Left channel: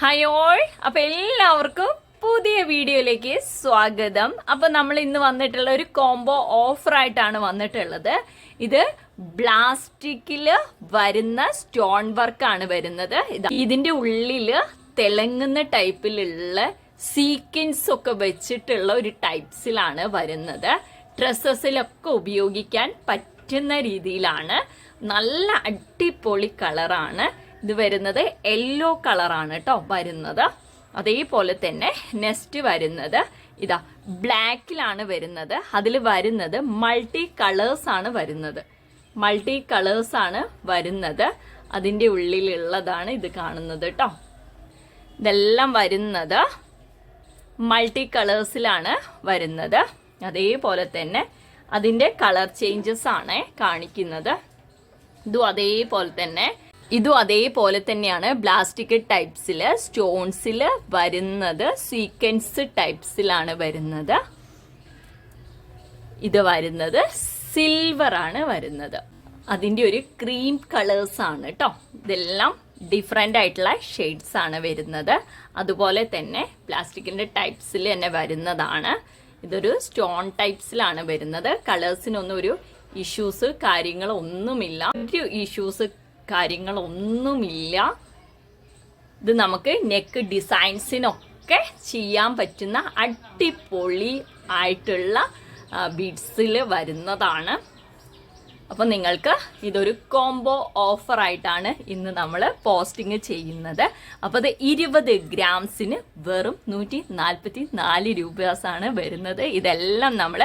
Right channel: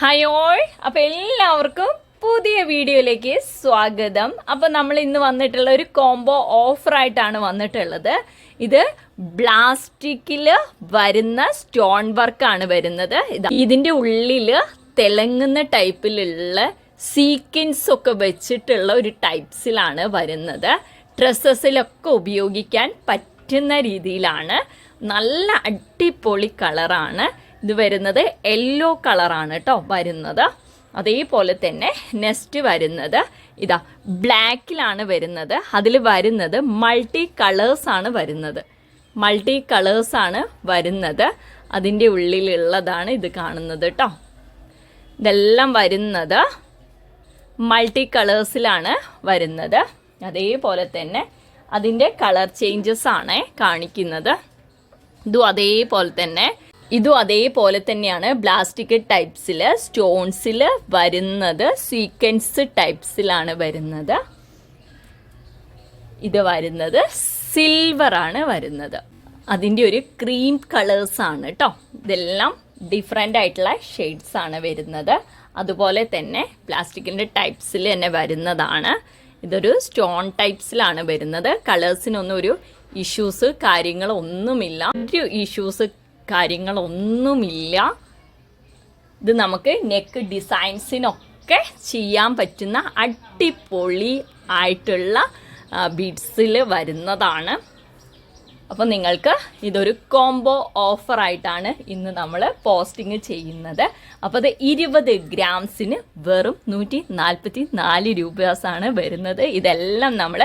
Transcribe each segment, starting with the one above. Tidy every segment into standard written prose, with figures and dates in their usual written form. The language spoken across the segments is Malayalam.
ഹായ് ഓൾ, അപ്പോൾ എല്ലാവർക്കും പുതിയ വീഡിയോയിലേക്ക് സ്വാഗതം. അപ്പോൾ നമ്മൾ ഇന്ന് വന്നിട്ടുള്ള ഒരു കോംബോ ഓഫറായിട്ടാണ് വന്നിട്ടുള്ളത്. ഇത് പ്ലാസ്റ്റിക്കിൽ വരുന്ന സ്റ്റോൺ വർക്കാണ് വരുന്നത്. ഇതിന്റെ ഉള്ളിൽ തിളങ്ങുന്ന ടൈപ്പിലുള്ള സീക്വൻസ് ഒക്കെ വെച്ചിട്ടുള്ള ഒരു ടൈപ്സിലാണ് വരുന്നത്. ഡ്രസ്സസിലൊക്കെ ഉപയോഗിക്കാൻ പറ്റുന്ന രീതിയിലാണ്. നല്ല അടിപൊളി കളറാണ് ഇത് വരുന്നത്. യെല്ലോ കളറാണ് കേട്ടോ വരുന്നത്. അതേപോലെ തന്നെ നെക്സ്റ്റ് വരുന്നത് ഇതാ ബ്ലാക്കിലാണ് വരുന്നത്. അതിൽ വരുന്നത് മൾട്ടി കളേഴ്സ് ആണ് വരുന്നത്. മൾട്ടി കളേഴ്സ് ആണ് വരുന്നത്. അതിൻ്റെ ഉള്ളിലുള്ളതാണ് ഇത് കാണുന്നത് കേട്ടോ. ഇതെല്ലാം വരുന്നത് മൾട്ടി കളേഴ്സിലാണ് വരുന്നത്. അതേപോലെ തന്നെ അതിൻ്റെ കളർ ചേഞ്ചസ് ആണ് കാണിക്കുന്നത്. ഇതും അതേപോലെ തന്നെയാണ് പ്ലാസ്റ്റിക് ടൈപ്സിൽ സ്റ്റോൺസിൽ വരുന്നത്. സീക്വൻസ് ടൈപ്സിലാണ് വരുന്നത്. ഇത് വരുന്നത് സിൽവർ ആണ് വരുന്നത്. അതിൻ്റെ ഒരു ക്രീം കളേഴ്സ് ആണ് കേട്ടോ. ഇതെല്ലാം ഡിഫറെൻ്റ് ആയിട്ടുള്ള ഷെയ്ഡ്സ് ആണ് വരുന്നത്. അതുപോലെ തന്നെ പ്ലാസ്റ്റിക്കിൻ്റെ ടൈപ്സിൽ തന്നെ വരുന്നതാണ്. ഇതൊരു സ്റ്റോൺ ടൈപ്സിലാണ് വരുന്നത്. കളേഴ്സിനൊന്നും ഒരു ഇഷ്യൂസ് കാര്യങ്ങളൊന്നുമില്ല. ഇത് നമുക്ക് നെക്ക് ഡിസൈൻസിനൊക്കെ ചെയ്യാൻ പറ്റുന്ന അടിപൊളി ആയിട്ടുള്ള ബീഡ്സിൽ വരുന്നതാണ്. അപ്പോൾ നിങ്ങൾക്ക് ഇതൊരു കോംബോ ഓഫറായിട്ടാണ് ഇന്ന് നമ്മൾ പോസ്റ്റിംഗ് ചെയ്യുന്നത്. അപ്പോൾ അത് 20 ഗ്രാംസിന് വെറും 144 രൂപയാണ് വരുന്നത്. ഇതെല്ലാം നമ്മൾ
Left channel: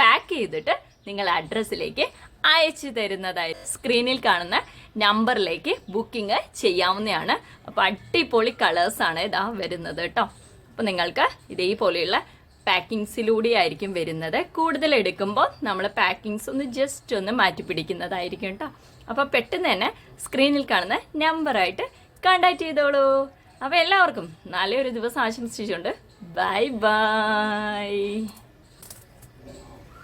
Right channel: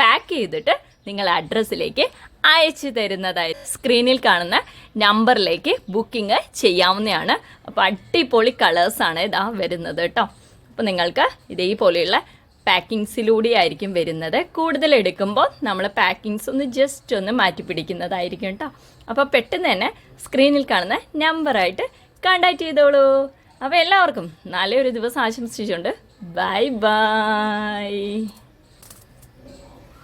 പാക്ക് ചെയ്തിട്ട് നിങ്ങളുടെ അഡ്രസ്സിലേക്ക് അയച്ചു തരുന്നതായി സ്ക്രീനിൽ കാണുന്ന നമ്പറിലേക്ക് ബുക്കിംഗ് ചെയ്യാവുന്നതാണ്. അപ്പോൾ അടിപൊളി കളേഴ്സാണ് ഇതാ വരുന്നത് കേട്ടോ. അപ്പോൾ നിങ്ങൾക്ക് ഇതേപോലെയുള്ള പാക്കിങ്സിലൂടെ ആയിരിക്കും വരുന്നത്. കൂടുതൽ എടുക്കുമ്പോൾ നമ്മൾ പാക്കിങ്സ് ഒന്ന് ജസ്റ്റ് ഒന്ന് മാറ്റി പിടിക്കുന്നതായിരിക്കും കേട്ടോ. അപ്പോൾ പെട്ടെന്ന് തന്നെ സ്ക്രീനിൽ കാണുന്ന നമ്പറായിട്ട് കോൺടാക്ട് ചെയ്തോളൂ. അപ്പോൾ എല്ലാവർക്കും നല്ലൊരു ദിവസം ആശംസിച്ചുകൊണ്ട് ബൈ ബൈ.